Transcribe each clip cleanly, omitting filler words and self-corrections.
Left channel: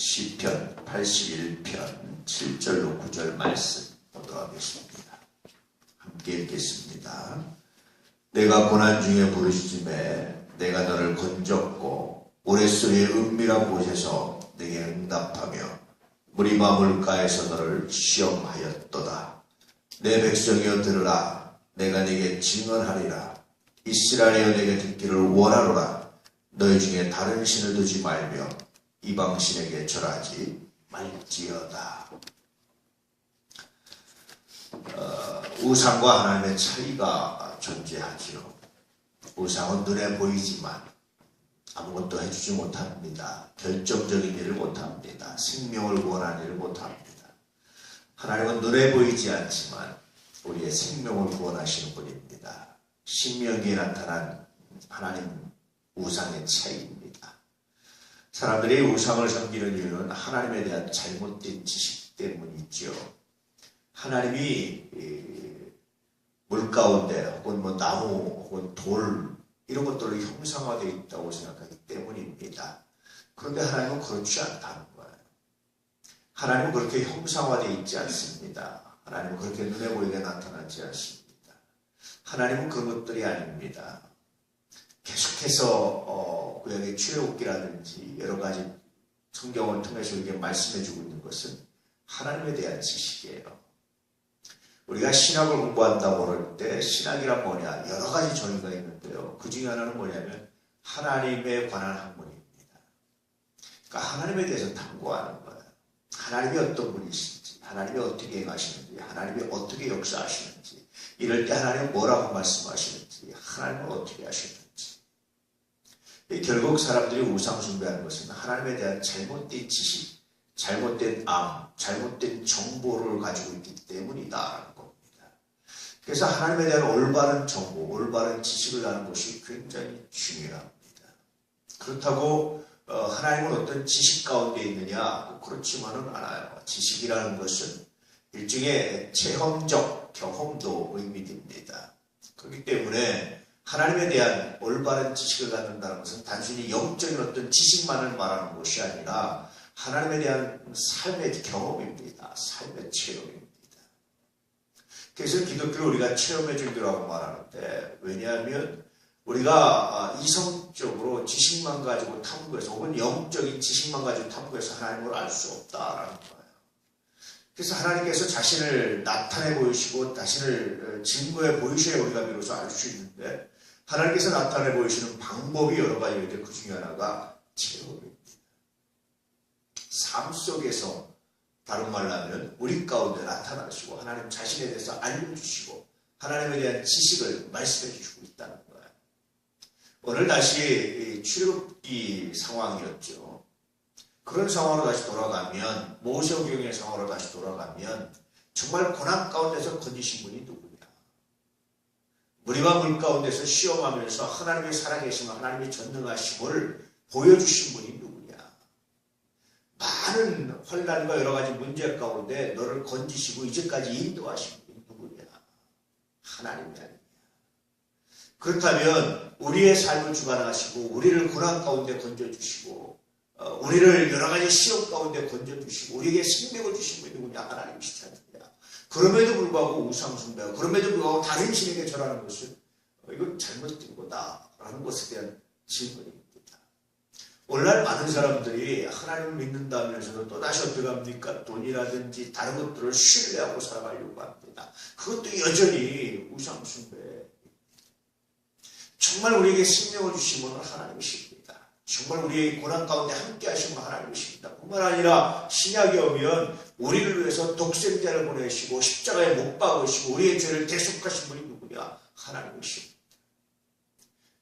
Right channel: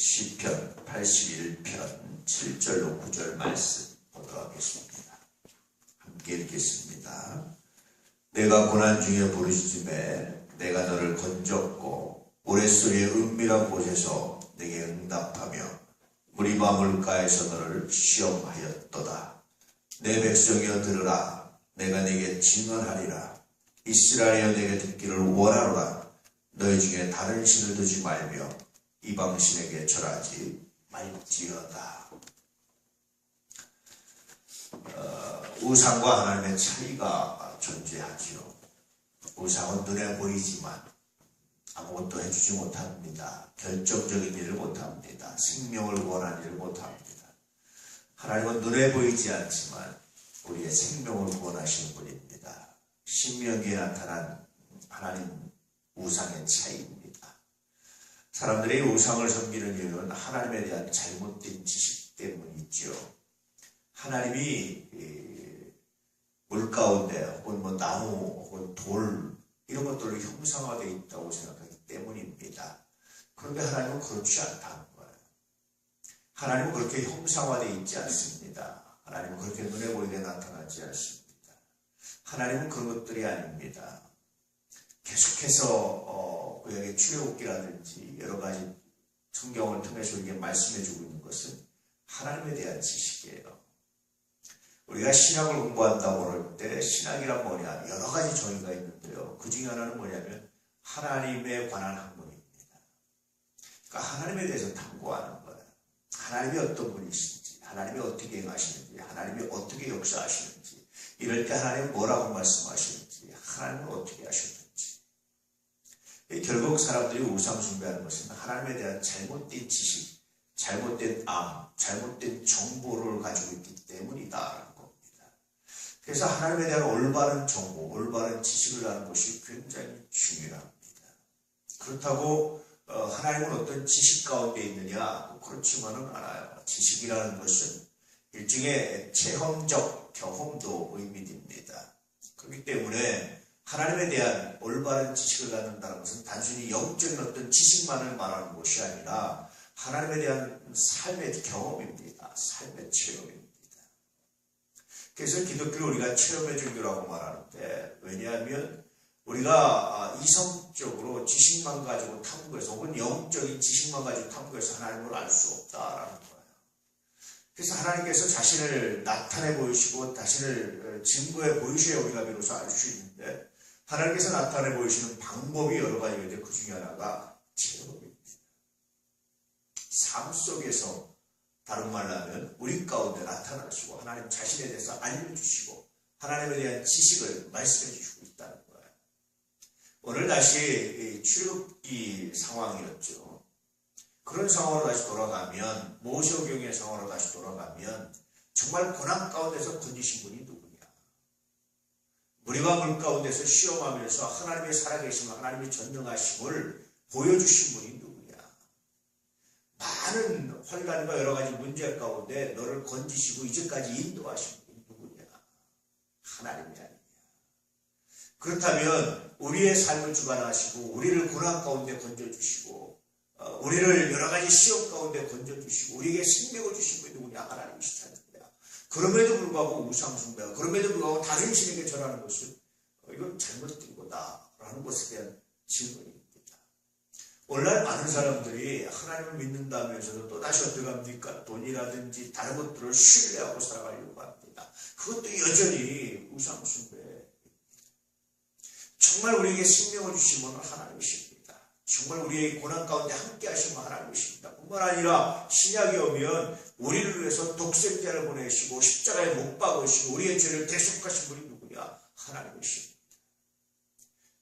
시편 81편 7절로 9절 말씀 보도록 하겠습니다. 함께 읽겠습니다. 내가 고난 중에 부르짖음에 내가 너를 건졌고 우레소리의 은밀한 곳에서 내게 응답하며 무리바 물가에서 너를 시험하였도다. 내 백성이여 들으라. 내가 네게 증언하리라. 이스라엘이여 내게 듣기를 원하노라. 너희 중에 다른 신을 두지 말며 이방신에게 절하지 말지어다. 우상과 하나님의 차이가 존재하지요. 우상은 눈에 보이지만 아무것도 해주지 못합니다. 결정적인 일을 못합니다. 생명을 원하는 일을 못합니다. 하나님은 눈에 보이지 않지만 우리의 생명을 원하시는 분입니다. 신명기에 나타난 하나님 우상의 차이입니다. 사람들이 우상을 섬기는 이유는 하나님에 대한 잘못된 지식 때문이죠. 하나님이 물 가운데 혹은 나무 혹은 돌 이런 것들로 형상화되어 있다고 생각하기 때문입니다. 그런데 하나님은 그렇지 않다는 거예요. 하나님은 그렇게 형상화되어 있지 않습니다. 하나님은 그렇게 눈에 보이게 나타나지 않습니다. 하나님은 그런 것들이 아닙니다. 계속해서 구약의 출애굽기라든지 여러 가지 성경을 통해서 이렇게 말씀해주고 있는 것은 하나님에 대한 지식이에요. 우리가 신학을 공부한다고 할 때 신학이란 뭐냐? 여러 가지 정의가 있는데요. 그 중에 하나는 뭐냐면 하나님에 관한 학문입니다. 그러니까 하나님에 대해서 탐구하는 거예요. 하나님이 어떤 분이신지, 하나님이 어떻게 행하시는지, 하나님이 어떻게 역사하시는지, 이럴 때 하나님이 뭐라고 말씀하시는지, 하나님은 어떻게 하시는지. 결국 사람들이 우상 숭배하는 것은 하나님에 대한 잘못된 지식, 잘못된 잘못된 정보를 가지고 있기 때문이다라는 겁니다. 그래서 하나님에 대한 올바른 정보, 올바른 지식을 아는 것이 굉장히 중요합니다. 그렇다고 하나님은 어떤 지식 가운데 있느냐? 그렇지만은 않아요. 지식이라는 것은 일종의 체험적 경험도 의미됩니다. 그렇기 때문에 하나님에 대한 올바른 지식을 갖는다는 것은 단순히 영적인 어떤 지식만을 말하는 것이 아니라 하나님에 대한 삶의 경험입니다. 삶의 체험입니다. 그래서 기독교를 우리가 체험의 종교라고 말하는데, 왜냐하면 우리가 이성적으로 지식만 가지고 탐구해서 혹은 영적인 지식만 가지고 탐구해서 하나님을 알 수 없다라는 거예요. 그래서 하나님께서 자신을 나타내 보이시고 자신을 증거해 보이셔야 우리가 비로소 알 수 있는데, 하나님께서 나타내 보이시는 방법이 여러 가지인데 그 중에 하나가 체험입니다. 삶 속에서 다른 말로 하면 우리 가운데 나타나시고 하나님 자신에 대해서 알려주시고 하나님에 대한 지식을 말씀해 주시고 있다는 거예요. 오늘 다시 출애굽기 상황이었죠. 그런 상황으로 다시 돌아가면, 모세오경의 상황으로 다시 돌아가면 정말 고난 가운데서 건지신 분이 누구냐? 무리바 물 가운데서 시험하면서 하나님의 살아계심과 하나님의 전능하심을 보여주신 분이 누구냐? 많은 환난과 여러 가지 문제 가운데 너를 건지시고 이제까지 인도하신 분이 누구냐? 하나님이 아니냐? 그렇다면 우리의 삶을 주관하시고 우리를 고난 가운데 건져주시고 우리를 여러 가지 시험 가운데 건져주시고 우리에게 생명을 주신 분이 누구냐? 하나님이시지 않느냐? 그럼에도 불구하고 우상숭배하고 그럼에도 불구하고 다른 신에게 절하는 것은 이건 잘못된 거다라는 것에 대한 질문입니다. 오늘날 많은 사람들이 하나님을 믿는다면서도 또다시 어떻게 합니까? 돈이라든지 다른 것들을 신뢰하고 살아가려고 합니다. 그것도 여전히 우상숭배입니다. 정말 우리에게 생명을 주신 분은 하나님이십니다. 정말 우리의 고난 가운데 함께 하신 분 하나님이십니다. 뿐만 아니라 신약에 오면 우리를 위해서 독생자를 보내시고 십자가에 못 박으시고 우리의 죄를 대속하신 분이 누구냐? 하나님이십니다.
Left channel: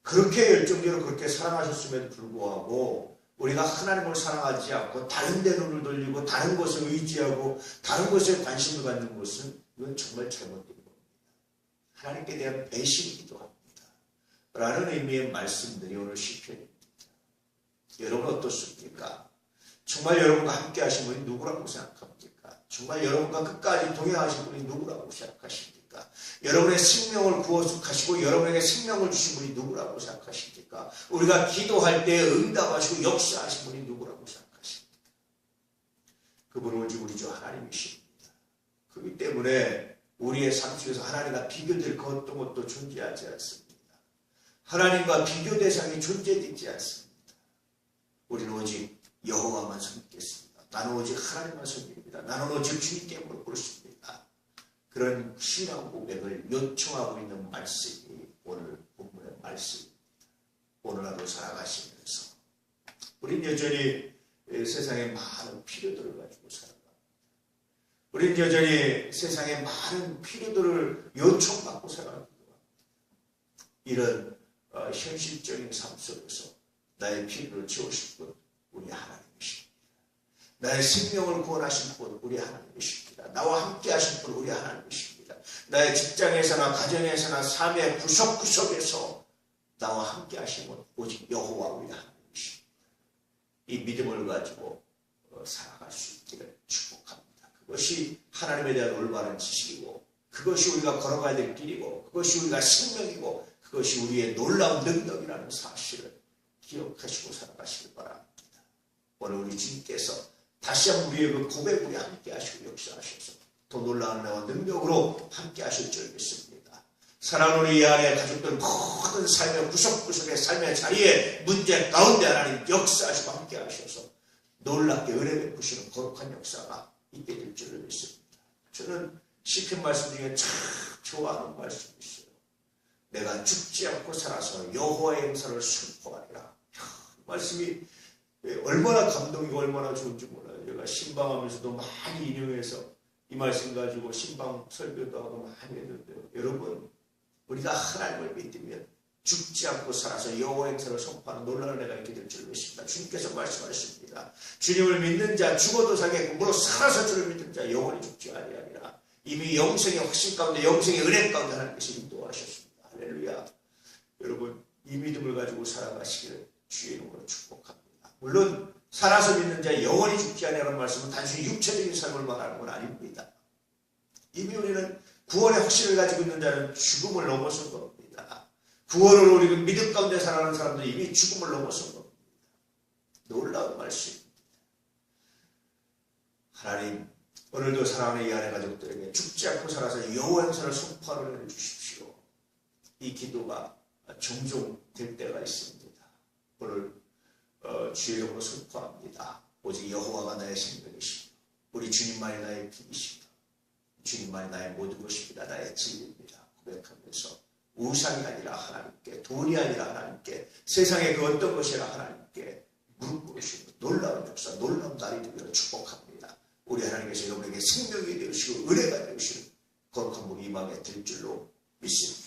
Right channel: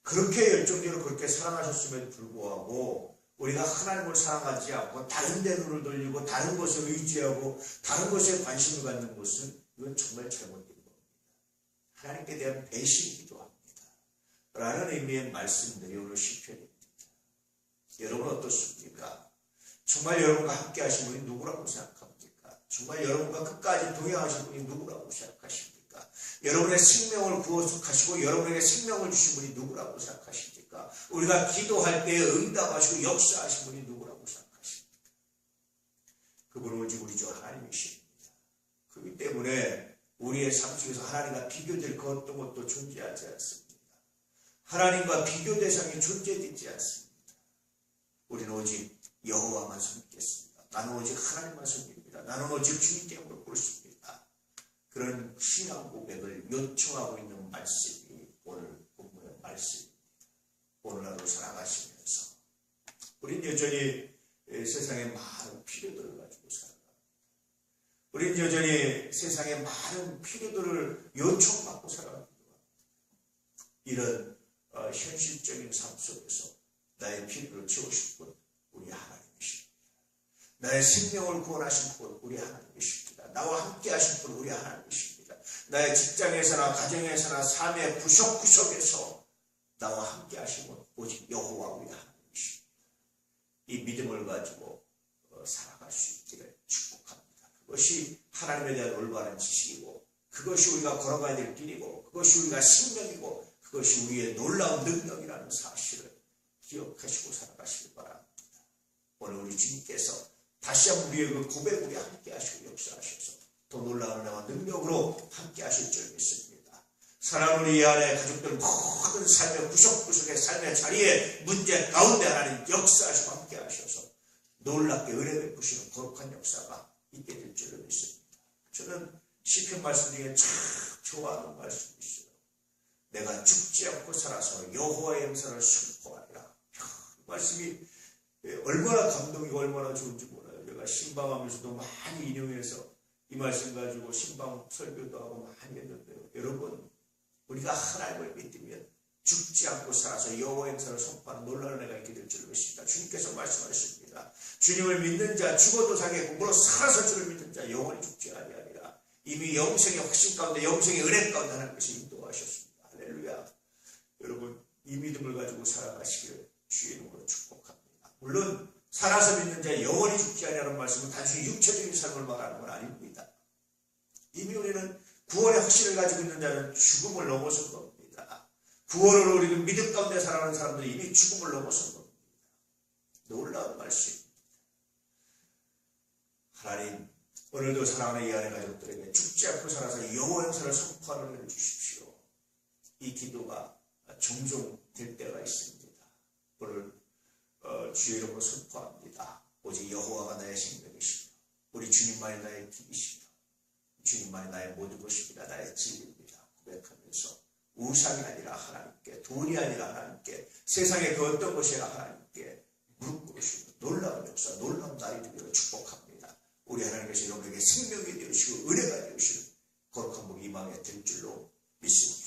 그렇게 열정적으로 그렇게 사랑하셨음에도 불구하고 우리가 하나님을 사랑하지 않고 다른 데 눈을 돌리고 다른 것에 의지하고 다른 것에 관심을 갖는 것은 이건 정말 잘못된 겁니다. 하나님께 대한 배신이기도 합니다. 라는 의미의 말씀들이 오늘 시편입니다. 여러분 어떻습니까? 정말 여러분과 함께 하신 분이 누구라고 생각합니까? 정말 여러분과 끝까지 동행하신 분이 누구라고 생각하십니까? 여러분의 생명을 구원하시고 여러분에게 생명을 주신 분이 누구라고 생각하십니까? 우리가 기도할 때 응답하시고 역사하신 분이 누구라고 생각하십니까? 그분은 오직 우리 주 하나님이십니다. 그렇기 때문에 우리의 삶 속에서 하나님과 비교될 그 어떤 것도 존재하지 않습니다. 하나님과 비교 대상이 존재되지 않습니다. 우리는 오직 여호와만 섬기겠습니다. 나는 오직 하나님만 섬깁니다. 나는 오직 주님께 무릎 꿇습니다. 그런 신앙 고백을 요청하고 있는 말씀이 오늘 본문의 말씀입니다. 오늘 하루 살아가시면서 우리는 여전히 세상의 많은 필요들을 가지고 살아갑니다. 우리는 여전히 세상의 많은 필요들을 요청받고 살아갑니다. 이런 현실적인 삶 속에서 나의 필요를 채우실 분 우리 하나님이십니다. 나의 생명을 구원하실 분 우리 하나님이십니다. 나와 함께 하실 분 우리 하나님이십니다. 나의 직장에서나 가정에서나 삶의 구석구석에서 나와 함께 하신 분 오직 여호와 우리 하나님이십니다. 이 믿음을 가지고 살아갈 수 있기를 축복합니다. 그것이 하나님에 대한 올바른 지식이고 그것이 우리가 걸어가야 될 길이고 그것이 우리가 생명이고 그것이 우리의 놀라운 능력이라는 사실을 기억하시고 살아가시길 바랍니다. 오늘 우리 주님께서 다시 한번 우리의 그 고백 우리 함께 하시고 역사하셔서 더 놀라운 은혜와 능력으로 함께 하실 줄 믿습니다. 사랑하는 우리 이 안에 가족들 모든 삶의 구석구석의 삶의 자리에 문제 가운데 하나님 역사하시고 함께 하셔서 놀랍게 은혜 베푸시는 거룩한 역사가 있게 될 줄 믿습니다. 저는 시편 말씀 중에 참 좋아하는 말씀이 있어요. 내가 죽지 않고 살아서 여호와의 행사를 선포하리라. 이 말씀이 얼마나 감동이고 얼마나 좋은지 몰라요. 제가 신방하면서도 많이 인용해서 이 말씀 가지고 신방 설교도 하고 많이 했는데요. 여러분 우리가 하나님을 믿으면 죽지 않고 살아서 여호와의 행사를 선포하는 놀라운 은혜가 있게 될 줄 믿습니다. 주님께서 말씀하십니다. 주님을 믿는 자 죽어도 자기의 공부로 살아서 주를 믿는 자 영원히 죽지 아니하리라. 이미 영생의 확신 가운데 영생의 은혜 가운데 하나님께서 인도하셨습니다. 할렐루야. 여러분 이 믿음을 가지고 살아가시기를 주의 이름으로 축복합니다. 물론 살아서 믿는 자 영원히 죽지 아니하는 말씀은 단순히 육체적인 삶을 말하는 건 아닙니다. 이미 우리는 구원의 확신을 가지고 있는 자는 죽음을 넘어선 겁니다. 구원으로 우리 믿음 가운데 살아가는 사람들이 이미 죽음을 넘어선 겁니다. 놀라운 말씀입니다. 하나님 오늘도 사랑하는 이 안의 가족들에게 죽지 않고 살아서 여호와 행사를 선포하는 은혜를 주십시오. 이 기도가 종종 될 때가 있습니다. 오늘 주의 이름으로 선포합니다. 오직 여호와가 나의 생명이시며 우리 주님만이 나의 길이시며 주님만이 나의 모든 것입니다. 나의 진리입니다. 고백하면서 우상이 아니라 하나님께, 돈이 아니라 하나님께, 세상의 그 어떤 것이라 하나님께 무릎 꿇으시고 놀라운 역사, 놀라운 날이 되기를 축복합니다. 우리 하나님께서 여러분에게 생명이 되시고 은혜가 되시는 거룩한 물이 이 맘에 들 줄로 믿습니다.